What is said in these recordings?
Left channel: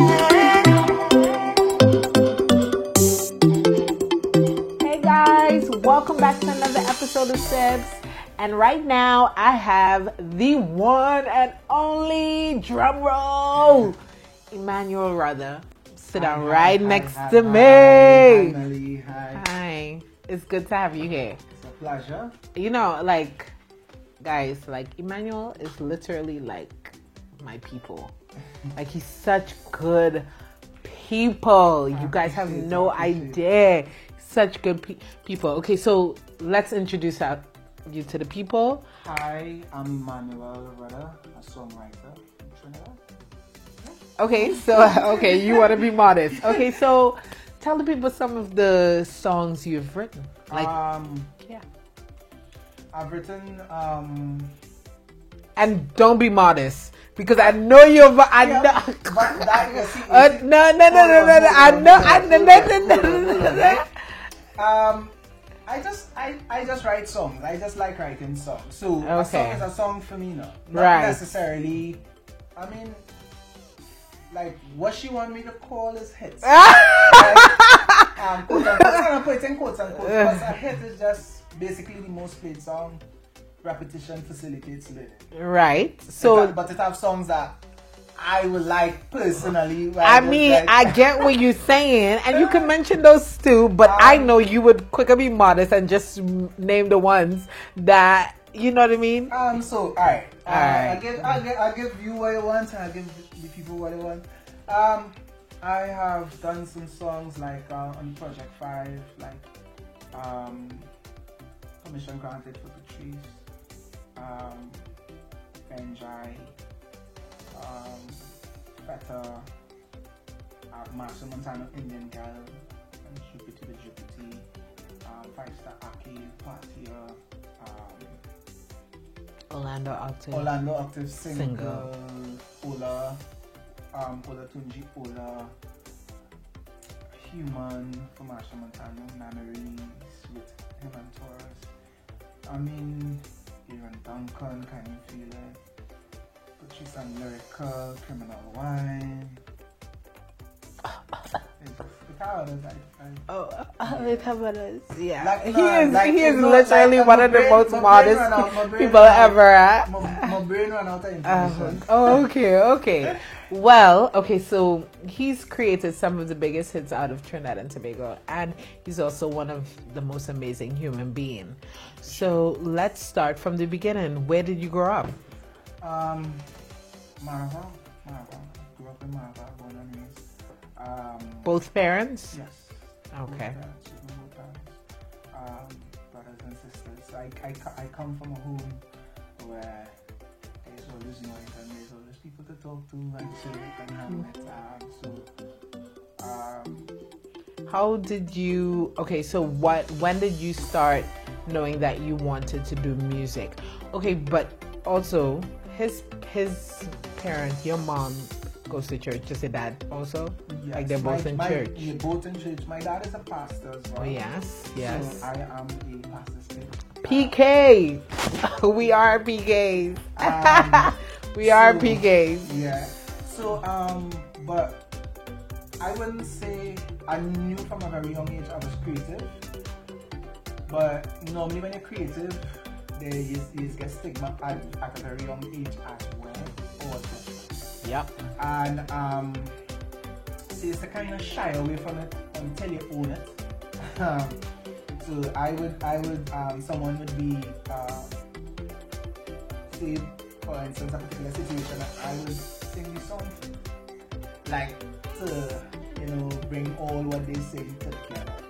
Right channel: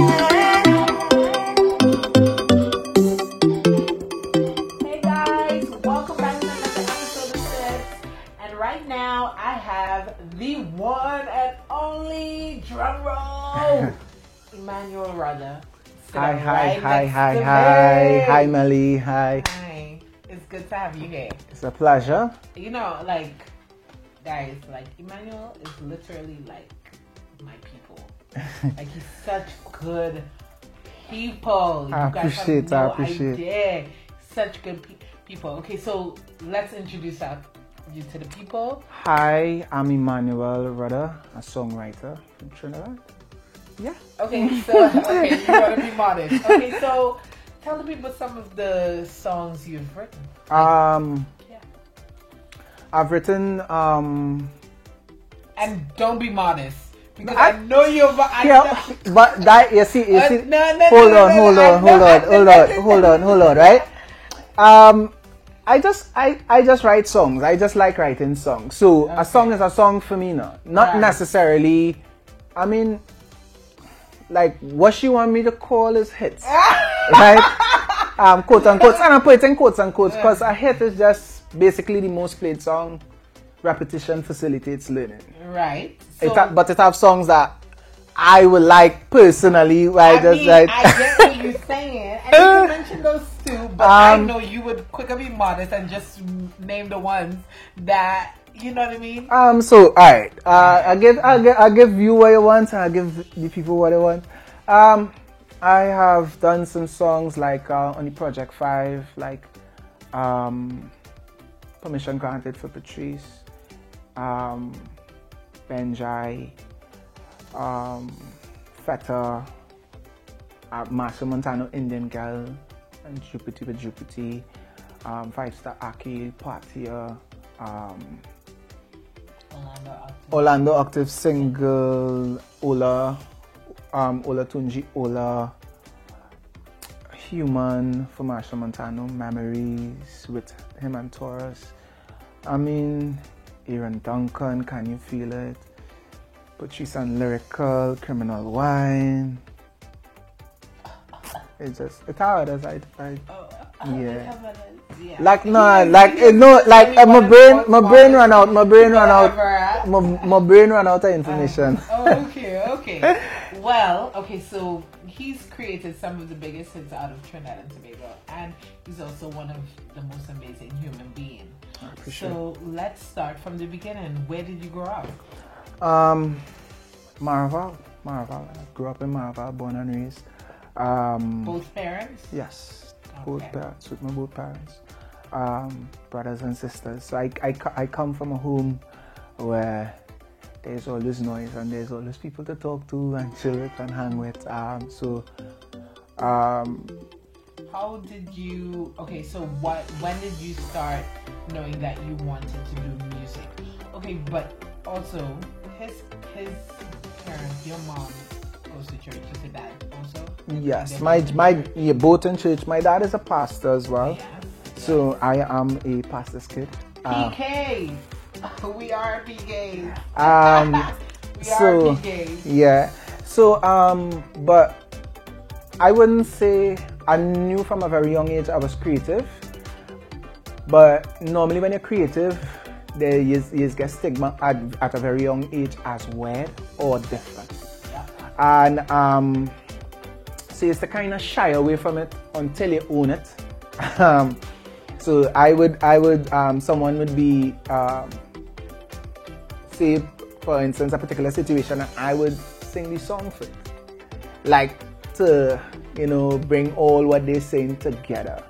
Hey guys, welcome back to another episode of Sips. And right now I have the one and only drum roll, Emmanuel Rudder. Sit down right next to me. Hi, Melly. Hi. Hi. It's good to have you here. It's a pleasure. You know, like, guys, like, Emmanuel is literally like my people. Like, he's such good people. You guys have no idea. Such good people. Okay, so let's introduce you to the people. Hi, I'm Emmanuel Rudder, a songwriter from Trinidad. Yeah. Okay, so, okay, you want to be modest. Okay, so tell the people some of the songs you've written. Yeah. I've written, and don't be modest. Because I know you're... but that, you see, no, hold on, right? I just write songs. I just like writing songs. So a song is a song for me now. Not necessarily, I mean, like what she want me to call is hits. Right? Quote unquote. And I put it in quotes unquote because a hit is just basically the most played song. Repetition facilitates learning. Right. So, but it have songs that I would like personally. I get what you're saying, and you can mention those too. But I know you would quicker be modest and just name the ones that you know what I mean. So all right. I give you what you want, and I give the people what they want. I have done some songs like on the Project 5, like Permission Granted for Patrice. Benjai, Feta, Marshall Montano, Indian Girl, and Jupiter the Jupiter, 5-Star Arcade, Partia, Orlando Octave Single, Ola Tunji, Ola, Human for Marshall Montano, Memories with him and Taurus. I mean, Aaron Duncan, Can You Feel It? Patrice and Lyrical, Criminal Wine. It's how it is. Yeah. Like my brain ran out of information. Okay. Well, so he's created some of the biggest hits out of Trinidad and Tobago, and he's also one of the most amazing human beings. So let's start from the beginning. Where did you grow up? Maraval. I grew up in Maraval, born and raised. Both parents? Yes. Both parents, with my both parents. Brothers and sisters. So I come from a home where there's always noise and there's always people to talk to and chill with and hang with. How did you... Okay, so when did you start knowing that you wanted to do music? Okay, but also his parents, your mom goes to church. Does your dad also? Yes, both in church. My dad is a pastor as well. Yes. So I am a pastor's kid. PK. We are PKs. We are PKs. Yeah. So but I wouldn't say I knew from a very young age I was creative. But normally when you're creative, you get stigma at a very young age as weird or different. Yeah. And so it's to kind of shy away from it until you own it. So I would someone would be say for instance a particular situation, and I would sing the song for it, like to bring all what they're saying together.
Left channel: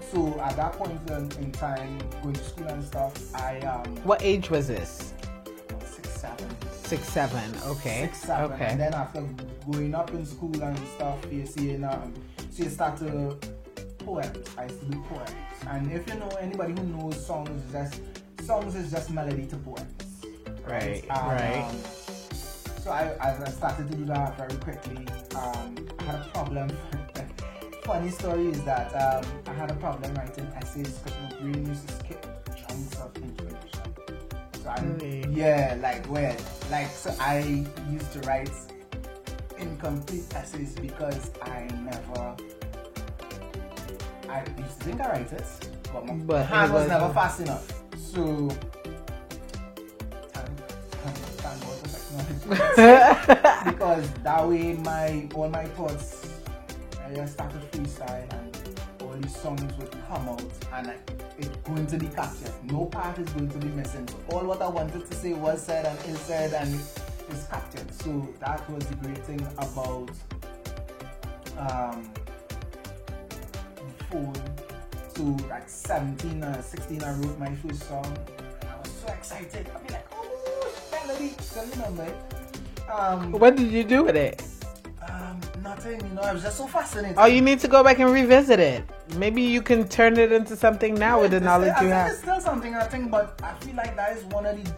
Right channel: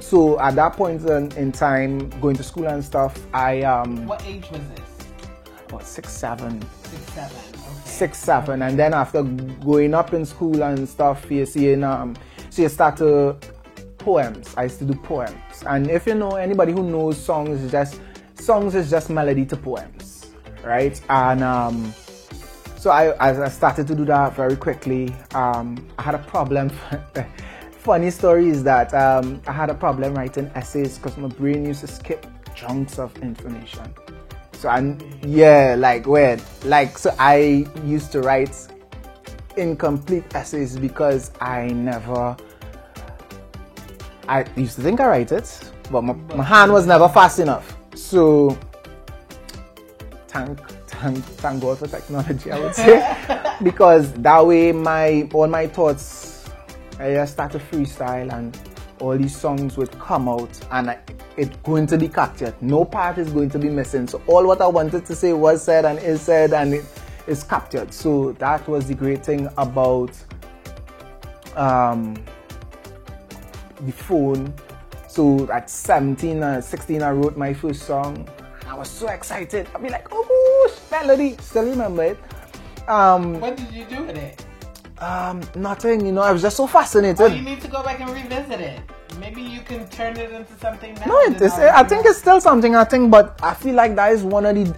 So at that point in time, going to school and stuff, What age was this? About 6, 7. 6, 7. Okay. 6, 7, and then after going up in school and stuff, you start to poems. I used to do poems, and if you know anybody who knows songs is just melody to poems, right? And so I started to do that very quickly. I had a problem. Funny story is that I had a problem writing essays because my brain used to skip chunks of information. So so I used to write incomplete essays because I used to think I write it, but my hand was never fast enough. So thank God for technology, I would say. Because that way all my thoughts, I just start to freestyle and all these songs would come out and it's going to be captured. No part is going to be missing. So all what I wanted to say was said and is said and it is captured. So that was the great thing about the phone. So at 17 or 16 I wrote my first song. I was so excited. I'd be like, oh, melody. Still remember it. What did you do with it? Nothing, I was just so fascinated. Oh, you need to go back and revisit it. Maybe you can turn it into something now. No, I think it's still something, but I feel like that is one of the...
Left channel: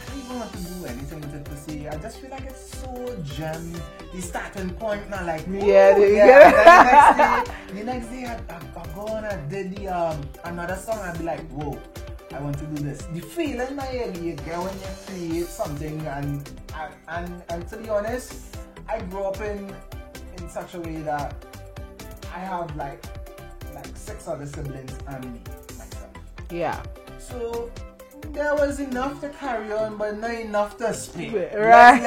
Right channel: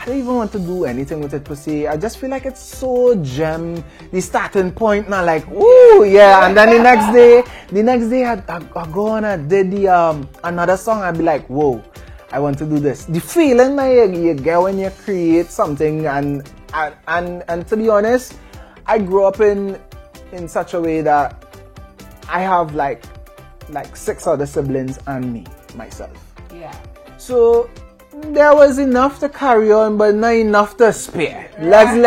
I don't even want to do anything with it per se. I just feel like it's so gem. The starting point now, like, ooh, yeah. And then the next day I go and I did another song. I'd be like, whoa, I want to do this. The feeling that you get when you create something, and to be honest, I grew up in such a way that I have like 6 other siblings and me, myself. Yeah. So there was enough to carry on, but not enough to spare. Right.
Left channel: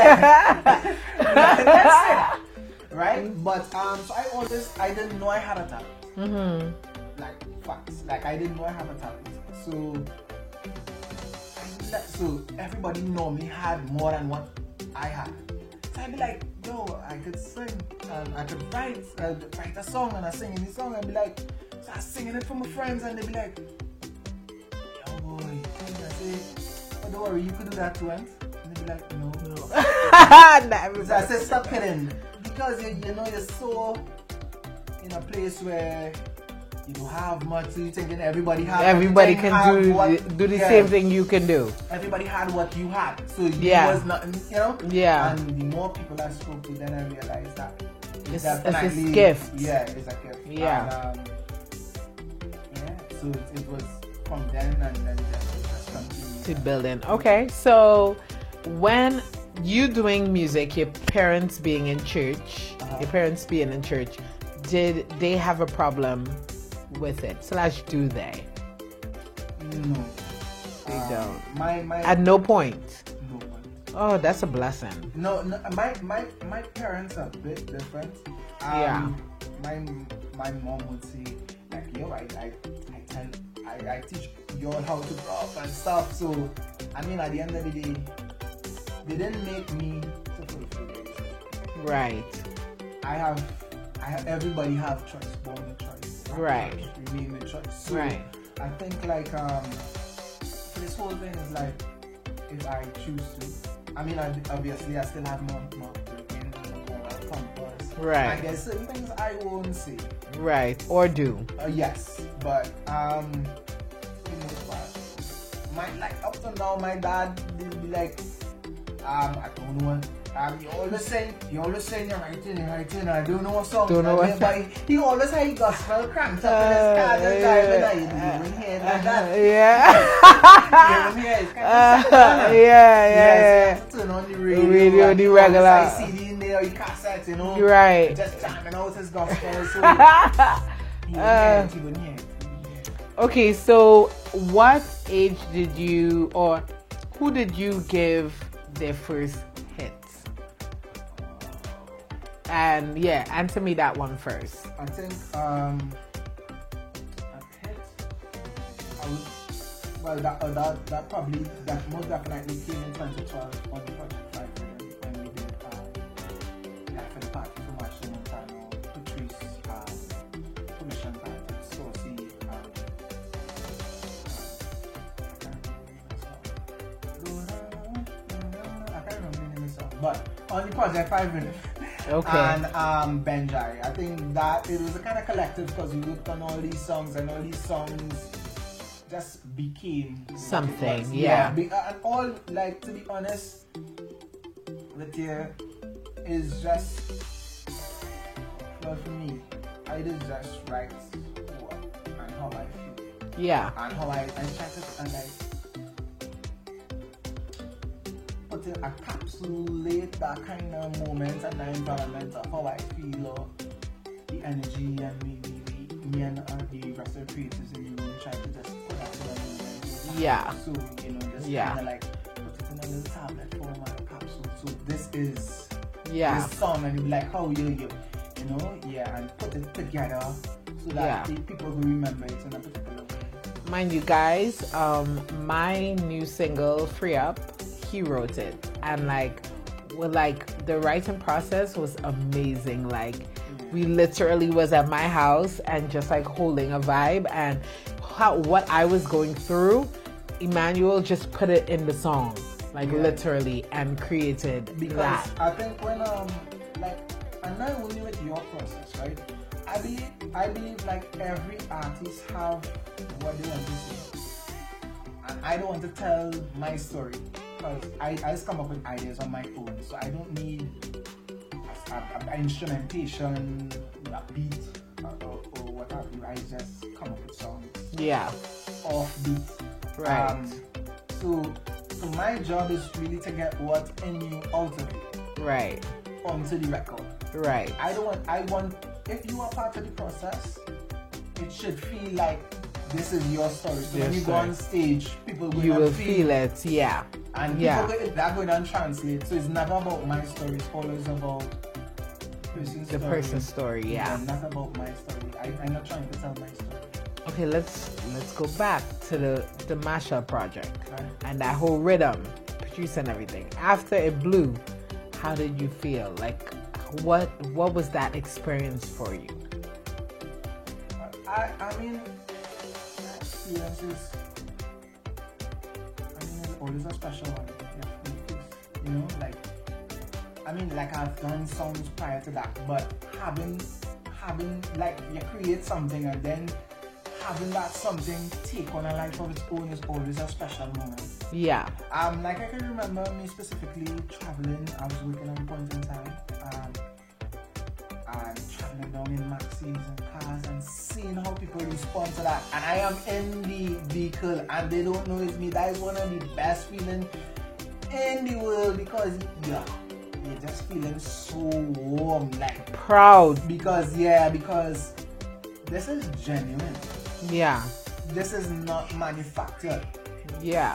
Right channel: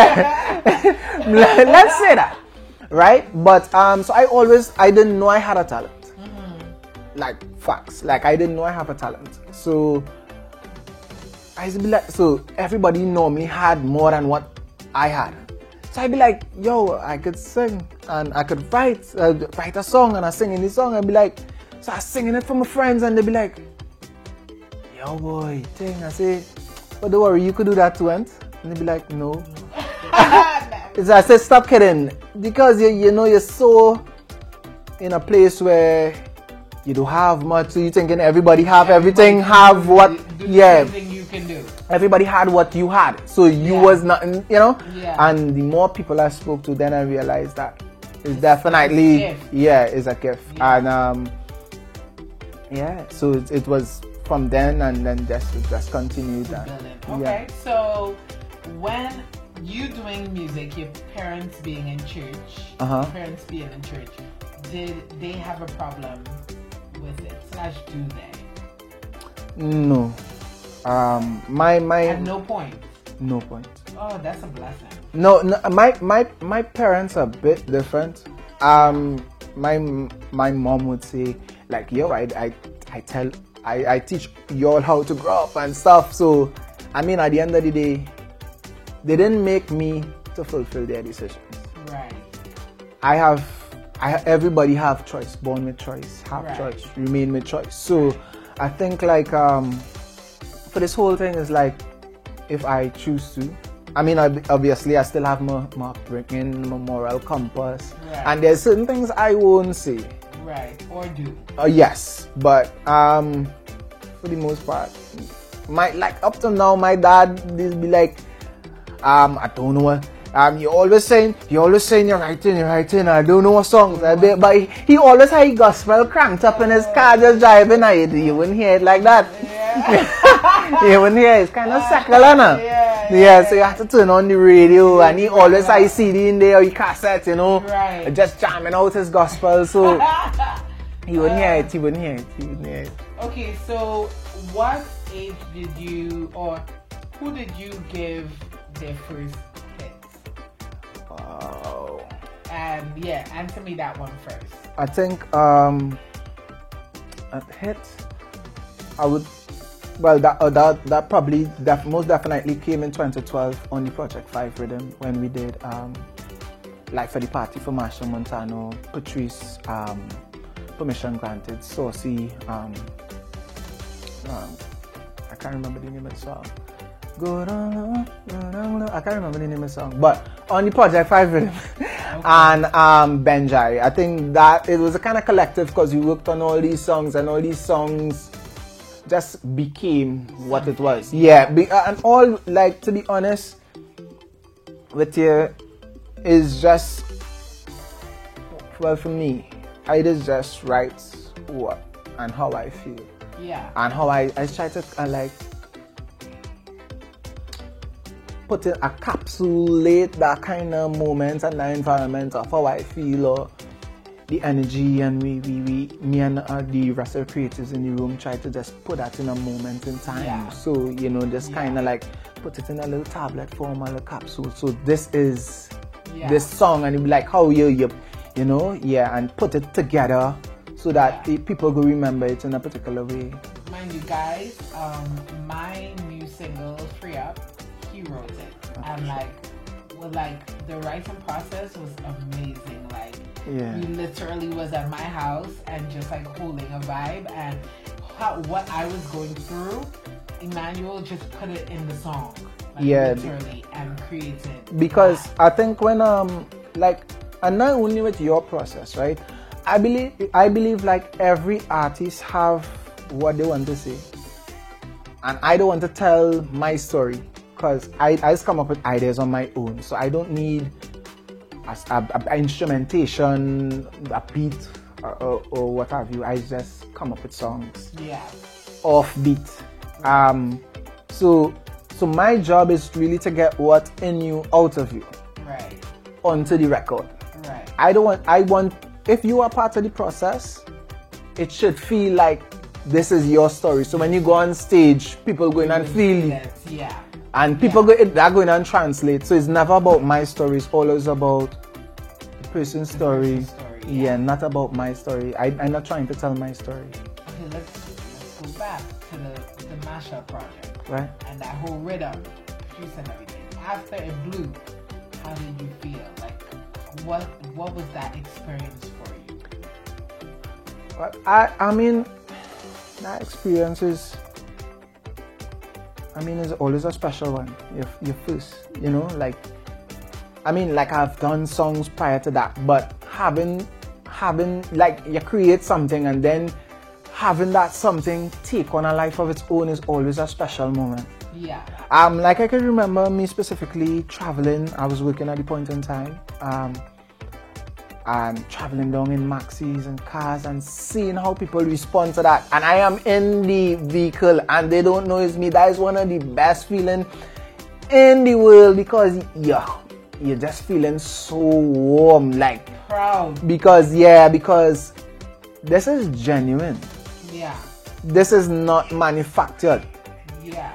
Let's say that, right? But so I didn't know I had a talent. Mm-hmm. Like facts, like I didn't know I have a talent. So I used to be like, so everybody know me had more than what I had. So I'd be like, yo, I could sing and I could write a song and I sing in the song. I'd be like, so I was singing it for my friends and they'd be like, yo boy, thing. I say, but don't worry, you could do that too, and they'd be like, no. So I said, stop kidding, because you're so in a place where you don't have much, so you're thinking everybody have everything, have what, do the same thing you can do. Everybody had what you had, so you was nothing, Yeah. And the more people I spoke to, then I realized that it's definitely, it's a gift. Yeah, it's a gift. Yeah. And so it was from then, and then just continued building. Okay, so when you doing music, your parents being in church, did they have a problem with it? / do they? No. My at no point. No point. Oh, that's a blessing. No, my parents are a bit different. My mom would say, like, yo, I teach you all how to grow up and stuff. So I mean, at the end of the day, they didn't make me to fulfill their decisions. Right. Everybody have choice, born with choice, have choice, remain with choice. So I think like for this whole thing is like, if I choose to, I mean, obviously I still have my upbringing, my moral compass, and there's certain things I won't say, or do. Yes, but for the most part, up to now, my dad will be like, I don't know what. You're always saying you're writing. I don't know what song, but he always had gospel cranked up in his car just driving. You wouldn't hear it like that. Yeah. You wouldn't hear it. It's kind of secular now. Yeah. So you have to turn on the radio, and he always had his CD in there or your cassette, Right. just jamming out his gospel. So he wouldn't hear it. Okay, so what age did you, or who did you give their first hit? And answer me that one first. I think a hit, I would, well, that probably most definitely came in 2012 on the Project 5 rhythm when we did Like for the Party for Machel Montano, Patrice, Permission Granted, Saucy, I can't remember the name of the song. I can't remember the name of the song, but on the Project 5 rhythm. And Benjai. I think that it was a kind of collective because we worked on all these songs, and all these songs just became what it was. And all, like, to be honest with you, is just, well, for me, I just write what and how I feel. Yeah. And how I try to encapsulate that kind of moment and that environment of how I feel or the energy, and me and the rest of the creators in the room try to just put that in a moment in time. Yeah. So, you know, just kind of like put it in a little tablet form, a little capsule. So this is this song, and it'll be like how you know, and put it together so that people will remember it in a particular way. Mind you guys, my new single, Free Up, he wrote it. And the writing process was amazing. We literally was at my house and just like holding a vibe, and what I was going through, Emmanuel just put it in the song, literally, and created. Because I think when and not only with your process, right? I believe like every artist have what they want to say, and I don't want to tell my story because I just come up with ideas on my own, so I don't need a instrumentation, a beat, or what have you. I just come up with songs. Off beat. Right. So my job is really to get what's in you out of you. Right. Onto the record. Right. I want if you are part of the process, it should feel like this is your story. So when you go on stage, people go in and feel it. Yeah. And people they're going and translate. So it's never about my story. It's always about the person's story. Yeah, not about my story. I'm not trying to tell my story. Okay, let's go back to the mashup project. Right. And that whole rhythm, produce and everything. After it blew, how did you feel? Like, what was that experience for you? Well, I mean, that experience is always a special one. Your first, you know, I've done songs prior to that, but having like you create something and then having that something take on a life of its own is always a special moment. Yeah. Like I can remember me specifically traveling. I was working at the point in time. And traveling down in maxis and cars and seeing how people respond to that. And I am in the vehicle and they don't know it's me. That is one of the best feelings in the world, because you're just feeling so warm, like proud. Because this is genuine. Yeah. This is not manufactured. Yeah.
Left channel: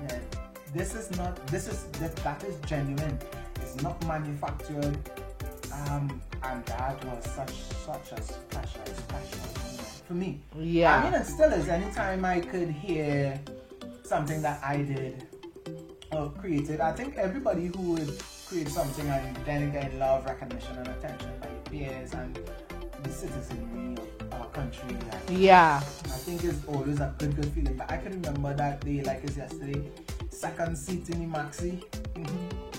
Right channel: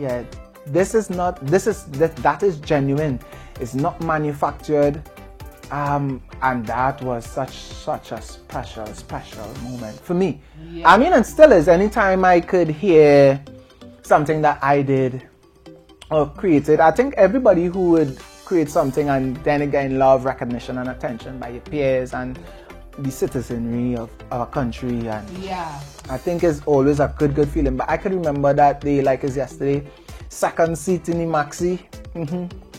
Yeah. That is genuine. It's not manufactured. And that was such a special moment for me. Yeah. I mean, it still is. Anytime I could hear something that I did or created, I think everybody who would create something and then again love recognition and attention by your peers and the citizenry of our country, and I think it's always a good feeling. But I can remember that day like it's yesterday, second seat in the maxi.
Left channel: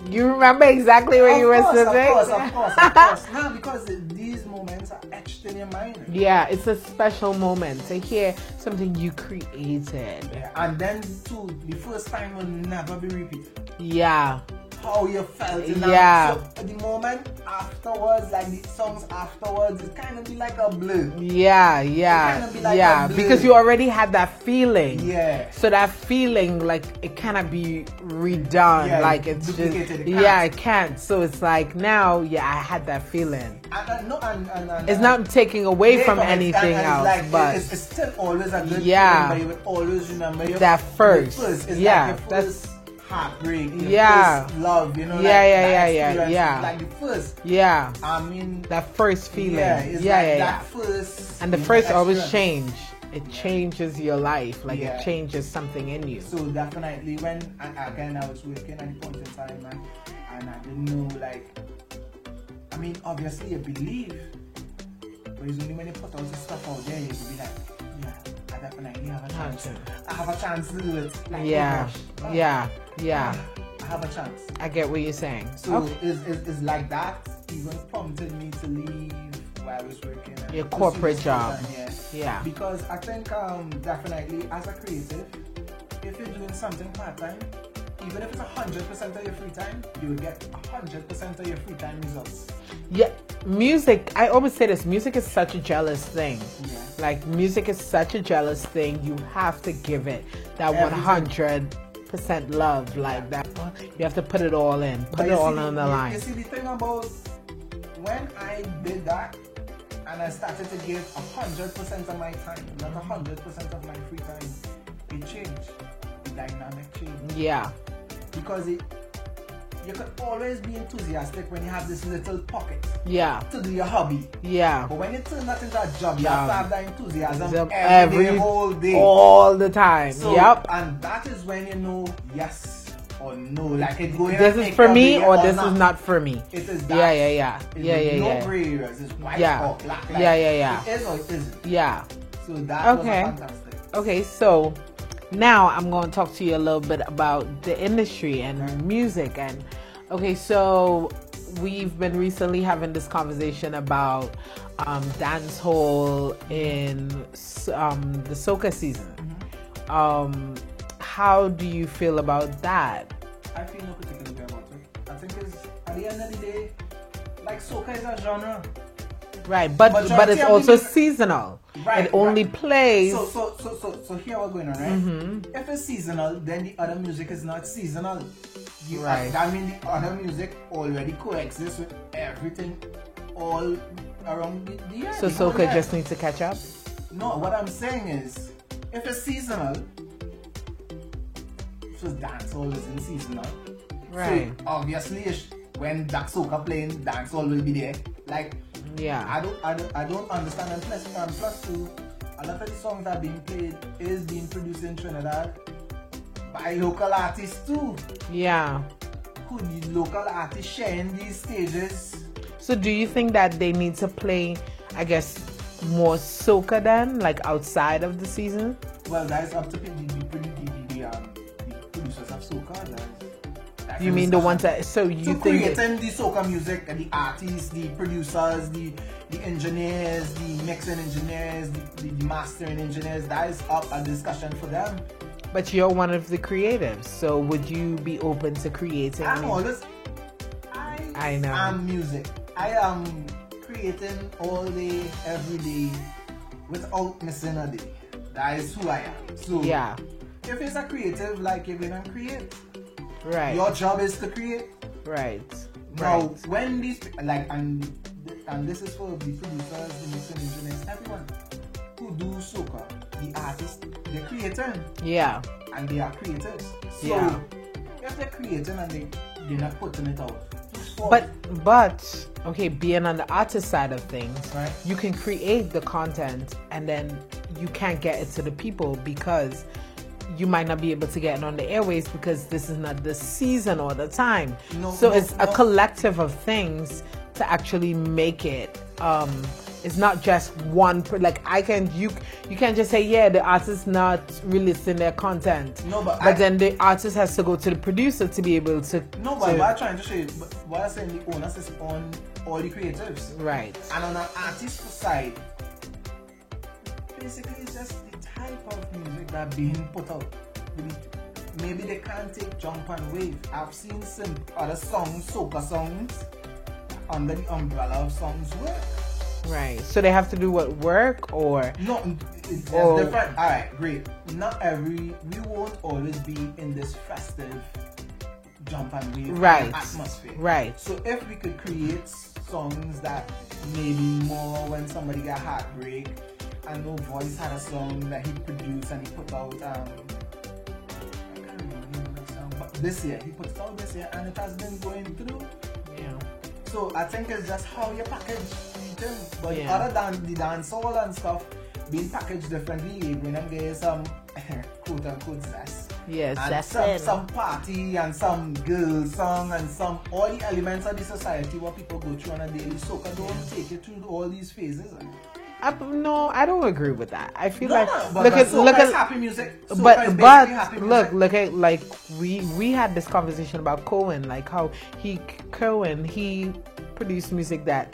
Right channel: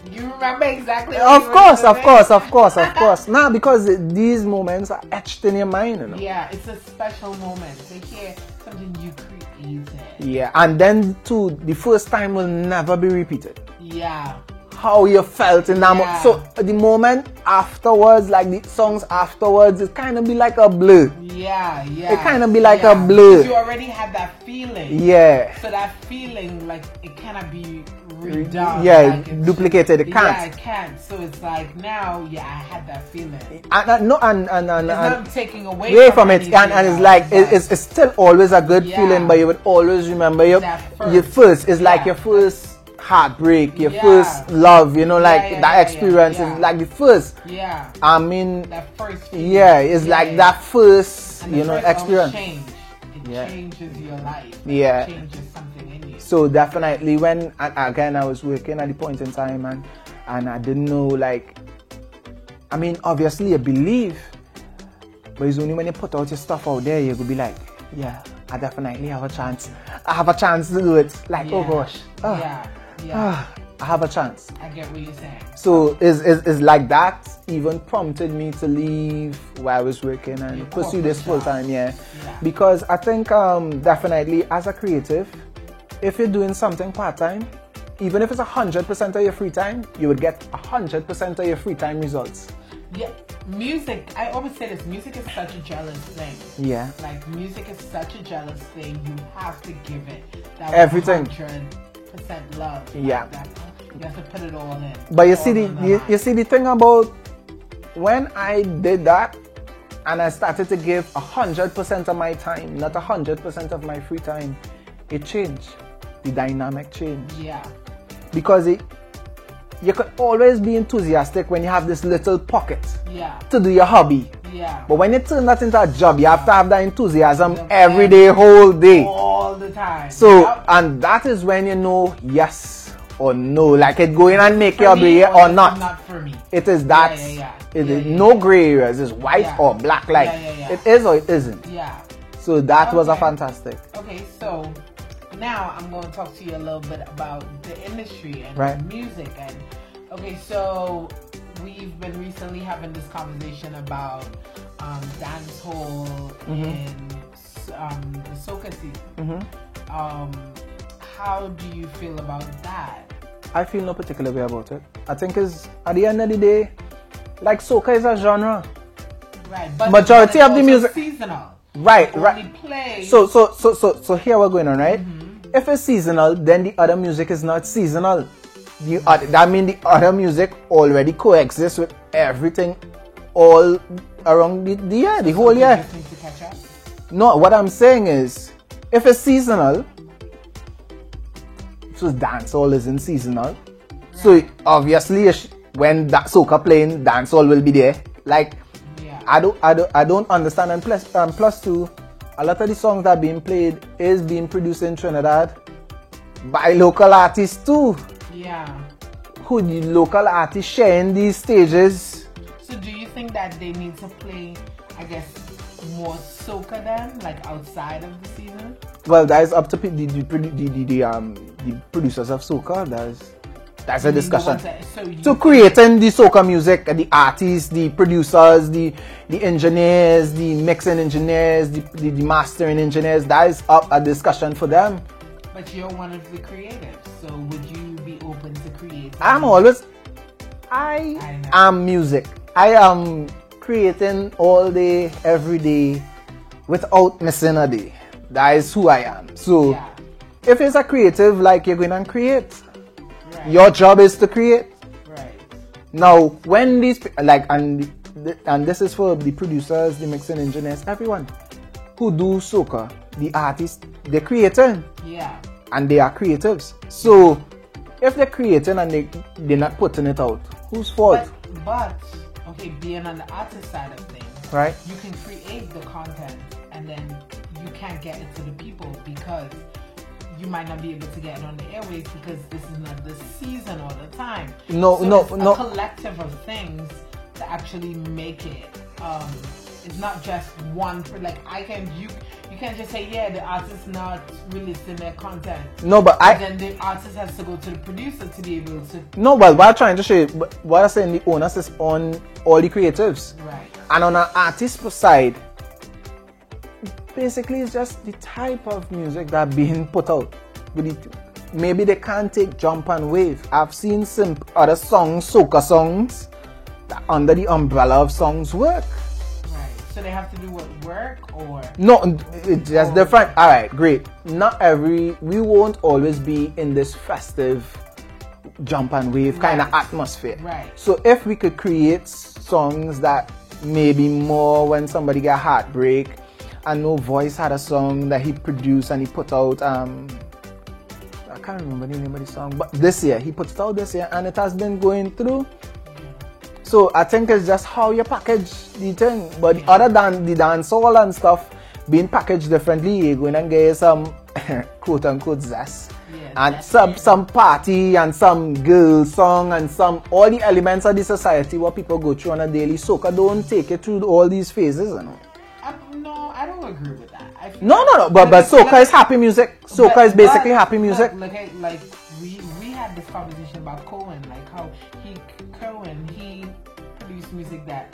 You remember exactly what you were saying? Of course. Now, because these moments are etched in your mind. You know? Yeah, it's a special moment to hear something you created. Yeah, and then too, the first time will never be repeated. Yeah. How you felt in that moment. So the moment afterwards, like the songs afterwards, it kind of be like a blur. Yeah. It kind of be like a blur. Because you already had that feeling. Yeah. So that feeling, like, it cannot be redone. Yeah, like it's duplicated. It can't. Yeah, it can't. So it's like now, I had that feeling. And it's not taking away from it. And it's like, it's still always a good feeling, but you would always remember that first. Your first. It's like your first heartbreak, your first love, you know, that experience is like the first. Yeah. I mean, that first feeling. Yeah, it's like that first. And the first always change. It changes your life. Like it changes something in you. So definitely when again I was working at the point in time and I didn't know, like, I mean, obviously you believe, but it's only when you put out your stuff out there you will be like, yeah, I definitely have a chance. I have a chance to do it. Like, oh gosh. Yeah. I have a chance. I get what you're saying. So is like that even prompted me to leave where I was working and pursue this full time. Yeah. Because I think definitely as a creative, if you're doing something part time, even if it's 100% of your free time, you would get 100% of your free time results. Yeah. Music, I always say this, music is such a jealous thing. Yeah. Like, music is such a jealous thing. You have to give it that everything. 100%. 100% love. Like that. You have to put it all in. But you see the thing about when I did that, and I started to give 100% of my time, not 100% of my free time, it changed. The dynamic changed. Yeah. Because you could always be enthusiastic when you have this little pocket to do your hobby. Yeah. But when you turn that into a job, you have to have that enthusiasm every day, whole day. All the time. So, and that is when you know yes or no, like it going and make your day or not. This is not for me. It is that. It is no gray areas. It's white or black. Like it is or it isn't. Yeah. So that was a fantastic. Okay, so now I'm going to talk to you a little bit about the industry and music. And okay, so we've been recently having this conversation about dancehall in the soca season. How do you feel about that? I feel no particular way about it. I think it's at the end of the day, like soca is a genre, right? But majority of the music seasonal, right? Only plays. So here we're going on, right? If it's seasonal, then the other music is not seasonal. That means the other music already coexists with everything all around the year, the whole year. Just need to catch up. No, what I'm saying is, if it's seasonal. So dancehall isn't seasonal. Right. So obviously when that soca playing, dancehall will be there. Like I don't understand. And plus two, a lot of the songs that are being played is being produced in Trinidad by local artists too. Yeah. Who the local artists sharing these stages. So do you think that they need to play, I guess, more soca then, like outside of the season? Well, that is up to the producers of soca. That's a discussion. So creating the soca music, the artists, the producers, the engineers, the mixing engineers, the mastering engineers, that is up a discussion for them. But you're one of the creatives, so would you be open to creating? I am music. I am creating all day, every day, without missing a day. That is who I am. So if it's a creative, like you're going to create, your job is to create. Right. Now, when these and this is for the producers, the mixing engineers, everyone who do soca, the artists, they're creating. Yeah. And they are creatives. So if they're creating and they're not putting it out, whose fault? But okay, being on the artist side of things, right? You can create the content and then you can't get it to the people because you might not be able to get it on the airways because this is not the season or the time. It's a collective of things to actually make it. It's not just one. You can't just say the artist not releasing their content. No, but then the artist has to go to the producer to be able to. No, but what I'm trying to say, what I'm saying, the onus is on all the creatives, right? And on an artist side, basically it's just the type of music that being put out. Maybe they can't take jump and wave. I've seen some other songs, soca songs, that under the umbrella of songs work. Right. So they have to do what, work or? No, it's just different. All right, great. We won't always be in this festive jump and wave kind of atmosphere. Right. So if we could create songs that maybe more when somebody got heartbreak, and No Voice had a song that he produced and he put out, I can't remember the name of the song, but he put it out this year and it has been going through. So I think it's just how you package the thing. But other than the dancehall and stuff being packaged differently, you're going to get some quote unquote zest. Yes, and some party and some girl song and all the elements of the society what people go through on a daily. Soca don't take it through all these phases, you know. No, I don't agree with that. I feel but soca is happy music. Soca is basically happy music. Look at we had this conversation about Cohen, like how he produced music that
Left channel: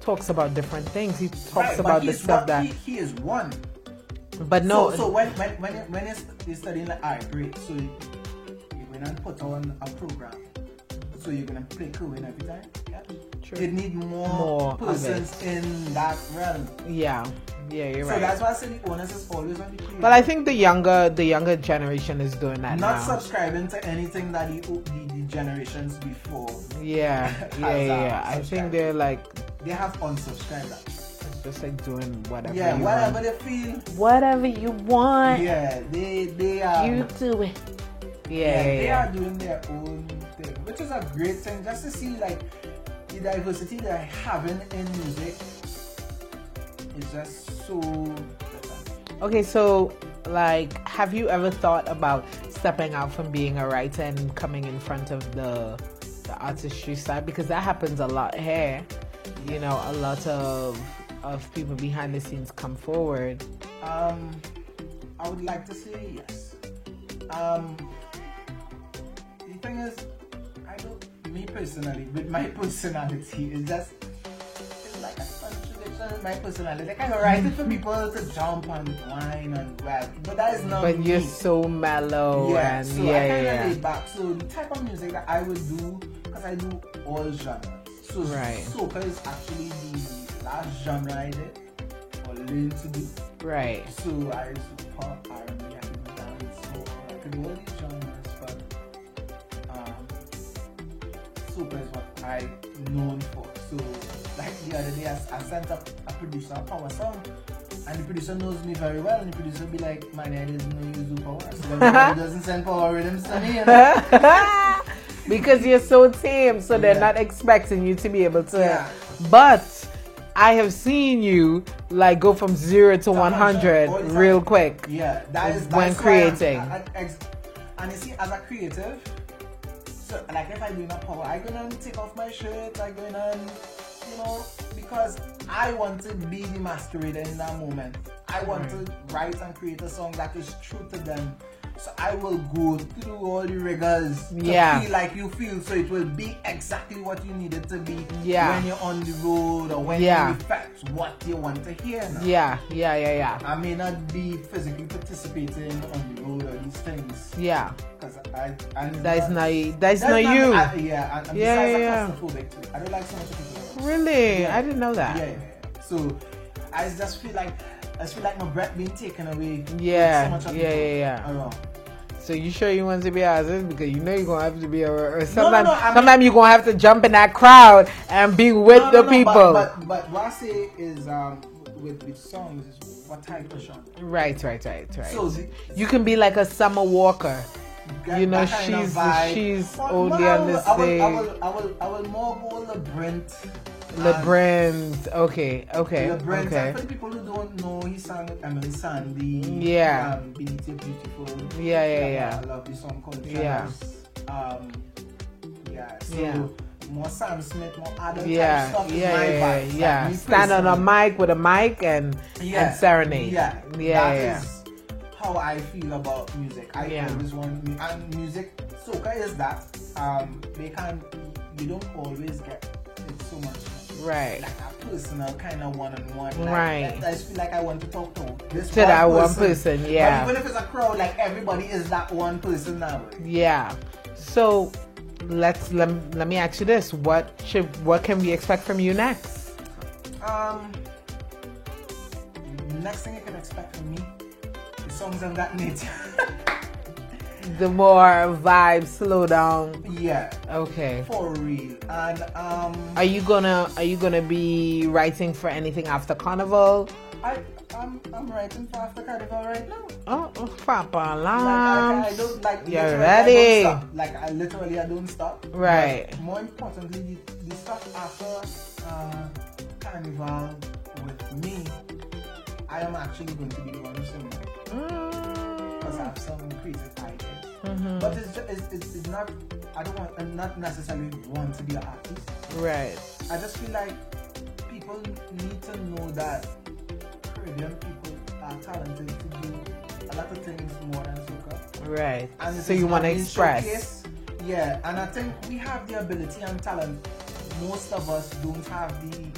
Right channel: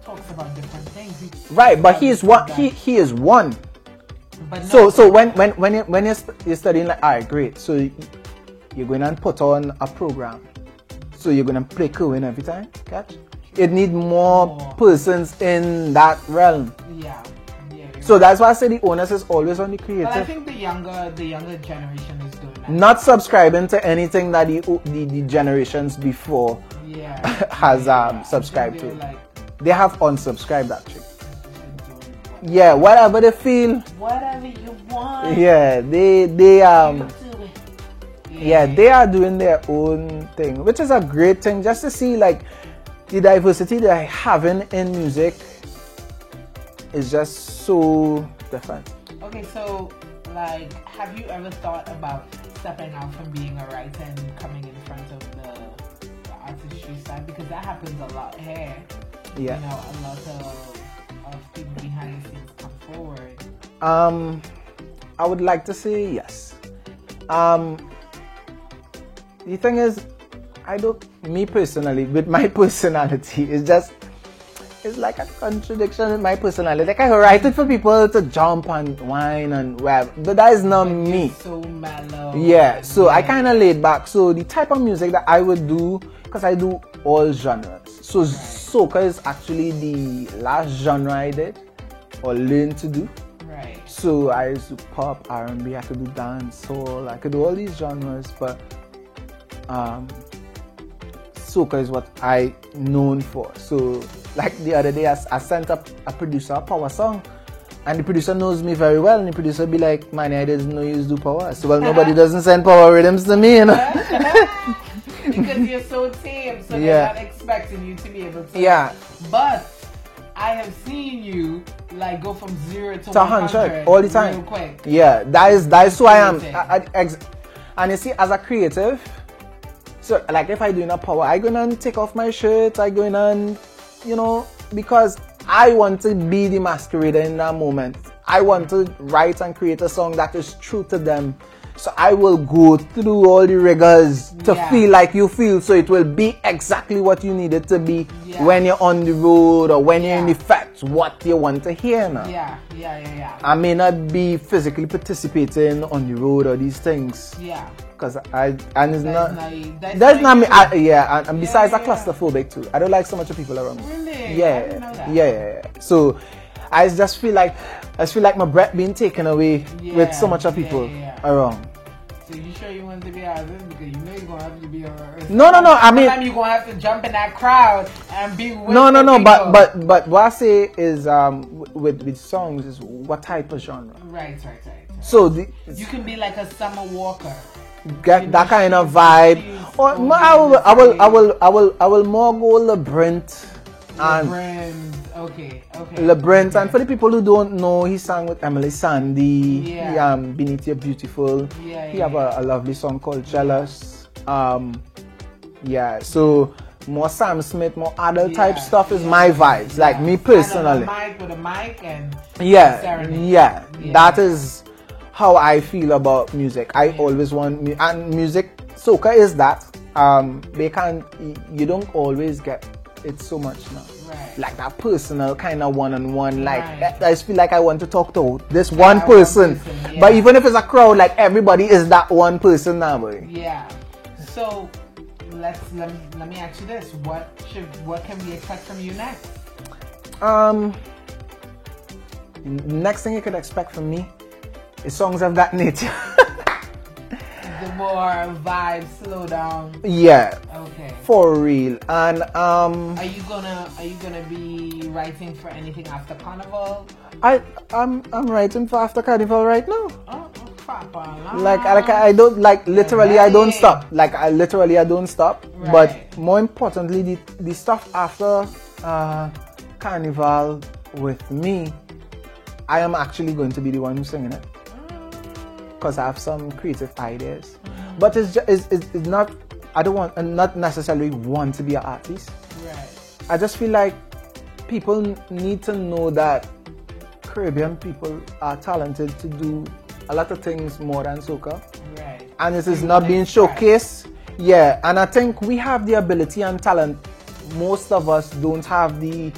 talks about different things. But he is one. But no. So when you're studying, like, all right, great. So you're going to put on a program. So you're going to play Cohen every time. Catch? It needs more persons in that realm. Yeah. Yeah, so that's why I say the onus is always on the creator. Well, I think the younger generation is doing that. Not now. Subscribing to anything that the generations before has subscribed to. Like, they have unsubscribed actually. Just like doing whatever. Yeah, whatever they feel. Whatever you want. Yeah, they you do it. Yeah, they are doing their own thing, which is a great thing. Just to see like the diversity they're having in music is just so different. Okay, so like, have you ever thought about stepping out from being a writer and coming in front of the artistry side? Because that happens a lot here. Yeah. You know, a lot of people behind the scenes come forward. I would like to say yes. The thing is, me personally, with my personality, it's like a contradiction in my personality. Like, I write it for people to jump and whine and whatever, but that is not me. You're so mellow. Yeah, so I kind of laid back. So the type of music that I would do, because I do all genres. So soca is actually the last genre I did or learned to do. Right. So I used to pop, R&B, I could do dance, soul, I could do all these genres, but soca is what I known for. So like the other day I sent up a producer a power song, and the producer knows me very well, and the producer be like, man, I didn't know you used to do power. So well, nobody doesn't send power rhythms to me, you know. Because you're so tame, so they're not expecting you to be able to. Yeah. But I have seen you like go from 0 to 100 all the time, real quick. Yeah, that's who I am. And you see, as a creative, so like if I do a power, I go in and take off my shirt, I go in and, you know, because I want to be the masquerader in that moment. I want to write and create a song that is true to them. So I will go through all the rigors to feel like you feel, so it will be exactly what you need it to be when you're on the road or when you're in the fest, what you want to hear now. Yeah. I may not be physically participating on the road or these things. Yeah. Because that's not me. And besides, I'm claustrophobic too. I don't like so much of people around me. Really? Yeah. I didn't know that. Yeah. So I just feel like my breath being taken away with so much of people around. So you sure you want to be artist? Because you know you're going to have to be No. I mean, sometimes you're going to have to jump in that crowd and be with the people. But what I say is with songs is what type of genre. Right. So you can be like a Summer Walker. Get that kind of vibe. I will more go Labyrinth. Okay. Labyrinth, and for the people who don't know, he sang with Emily Sandy. Yeah. Beneath Your Beautiful. He have a lovely song called Jealous. So more Sam Smith, more adult type stuff is my vibes. Like me personally. Stand on a mic with a mic and serenade. Yeah. That is how I feel about music. I always want and music. Soca is that. You don't always get it so much now. Right. Like that personal kind of one-on-one. Like right. I just feel like I want to talk to this one person. But even if it's a crowd, like everybody is that one person now, boy. Yeah. So let me ask you this: what can we expect from you next? Next thing you could expect from me is songs I've gotten it. The more vibe, slow down. Yeah. Okay. For real. And are you gonna be writing for anything after Carnival? I'm writing for after Carnival right now. Oh, Papa. Like I don't literally I don't stop. Like I don't stop. Right. But more importantly, the stuff after Carnival with me, I am actually going to be the one who's singing it. Because I have some creative ideas, but it's not. I don't want, not necessarily want to be an artist. Right. I just feel like people need to know that Caribbean people are talented to do a lot of things more than soca. Right. And it is not being showcased. Yeah. And I think we have the ability and talent. Most of us don't have the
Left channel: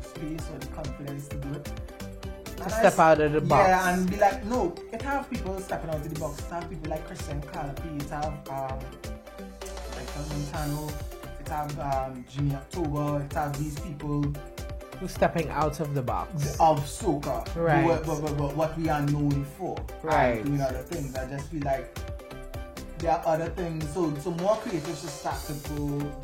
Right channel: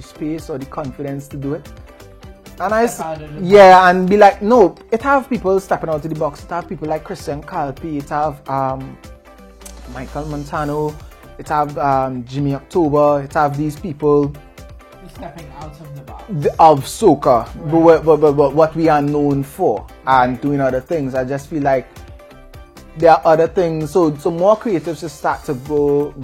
space or the confidence to do it. And Step out of the box. Yeah, and be like, no, it have people stepping out of the box. It have people like Christian Calpi, it have Michael Montano, it have Jimmy October, it have these people stepping out of the box of soca, right. what we are known for, right. and doing other things. I just feel like there are other things, so more creatives should start to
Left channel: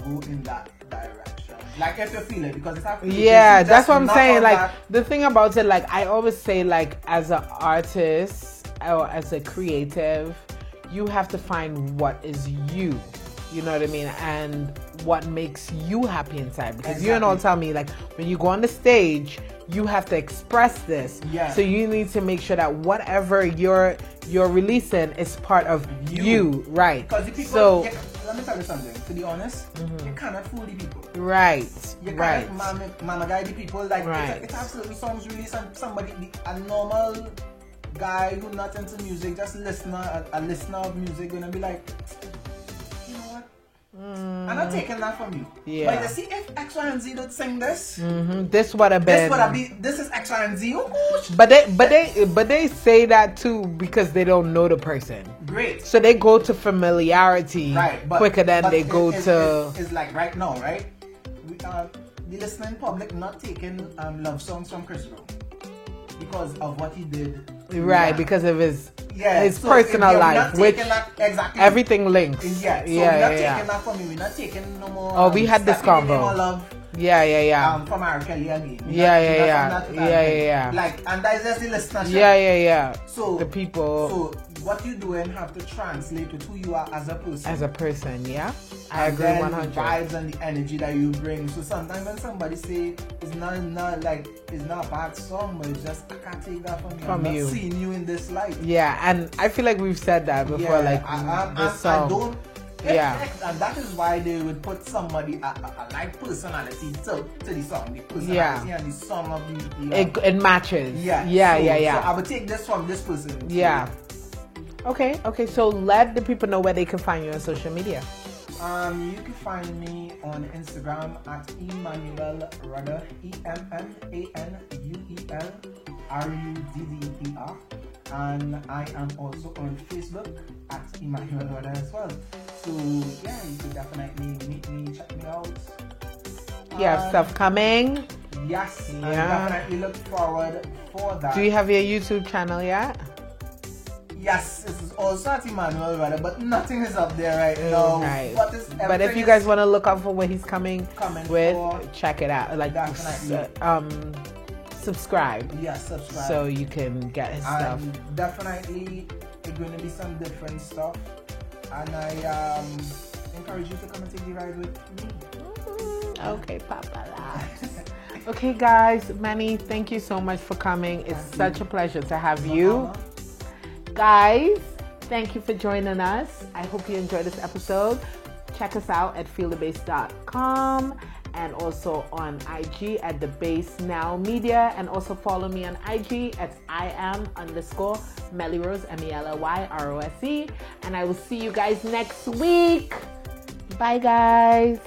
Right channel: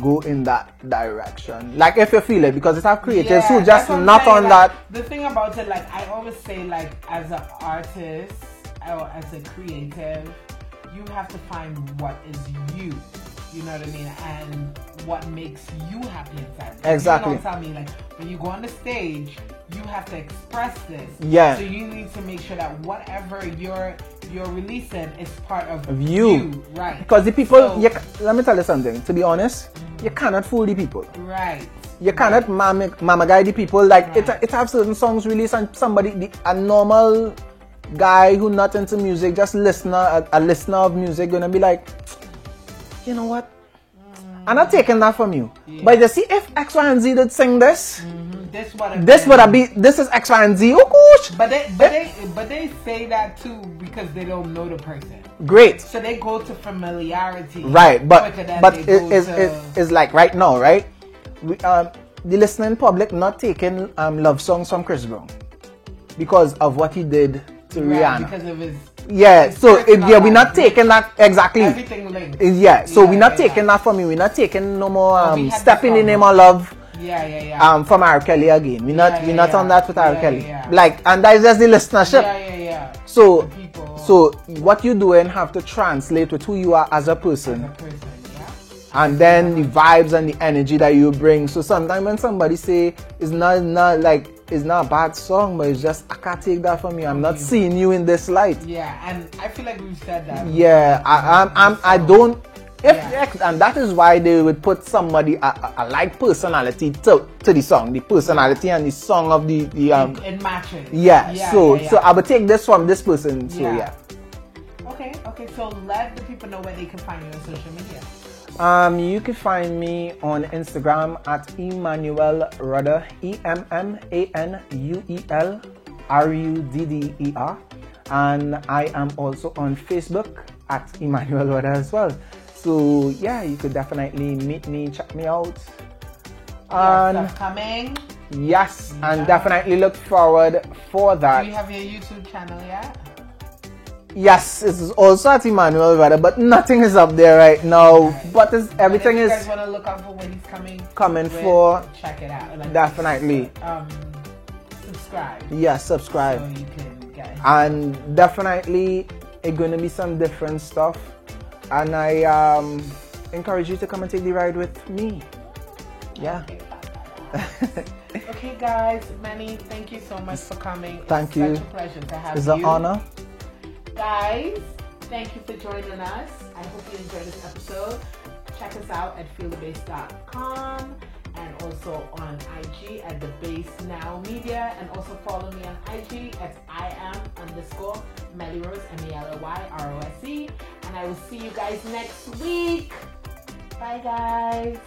go in that direction. Like if you feel it, because it's our creatives who just not saying, on like, that. The thing about it, like I always say, like as an artist or as a creative, you have to find what is you. You know what I mean? And what makes you happy inside. Because exactly. You don't tell me, like when you go on the stage, you have to express this. Yeah. So you need to make sure that whatever you're releasing is part of you. Right. Because the people, let me tell you something. To be honest, you cannot fool the people. Right. You cannot mama guide the people. Like it have certain songs released and somebody, a normal guy who not into music, just a listener of music, gonna be like, you know what? I'm not taking that from you. Yeah. But you see, if X, Y, and Z did sing this, this would have been. This is X, Y, and Z. Oh gosh! But they say that too because they don't know the person. Great. So they go to familiarity, right? But quicker than they go to. It's like right now, right? We, the listening public not taking love songs from Chris Brown because of what he did to Rihanna. Because of his. So we're not taking that exactly. Everything linked. So we're not taking that from you. We're not taking no more Stepping in the Name of Love. From R. Kelly again. We're not on that with R. Kelly. Like, and that is just the listenership. So the people. So what you doing have to translate with who you are as a person. And then the vibes and the energy that you bring. So sometimes when somebody say it's not a bad song, but it's just I can't take that from you. I'm not seeing you in this light. Yeah, and I feel like we've said that before. Yeah, I don't. And that is why they would put somebody a like personality to the song, the personality and the song of the it matches. So I would take this from this person. So, Okay. So let the people know where they can find you on social media. You can find me on Instagram at Emmanuel Rudder, EMMANUEL RUDDER, and I am also on Facebook at Emmanuel Rudder as well. So yeah, you could definitely meet me, check me out. Stuff coming. Yes, and definitely look forward for that. Do you have your YouTube channel yet? Yes, it is also at Emmanuel Rudder, but nothing is up there right now. But everything if you guys want to look out for where he's coming for, check it out. Like definitely. Subscribe. Yeah, subscribe. So you can get his and stuff. Definitely, it's going to be some different stuff. And I encourage you to come and take the ride with me. Okay, Papa. Okay, guys, Manny, thank you so much for coming. It's such a pleasure to have you. It's an honor. Guys, thank you for joining us. I hope you enjoyed this episode. Check us out at feelthebase.com and also on IG at The Base Now Media, and also follow me on IG at IAM_Melly Rose, MELLYROSE, and I will see you guys next week. Bye, guys.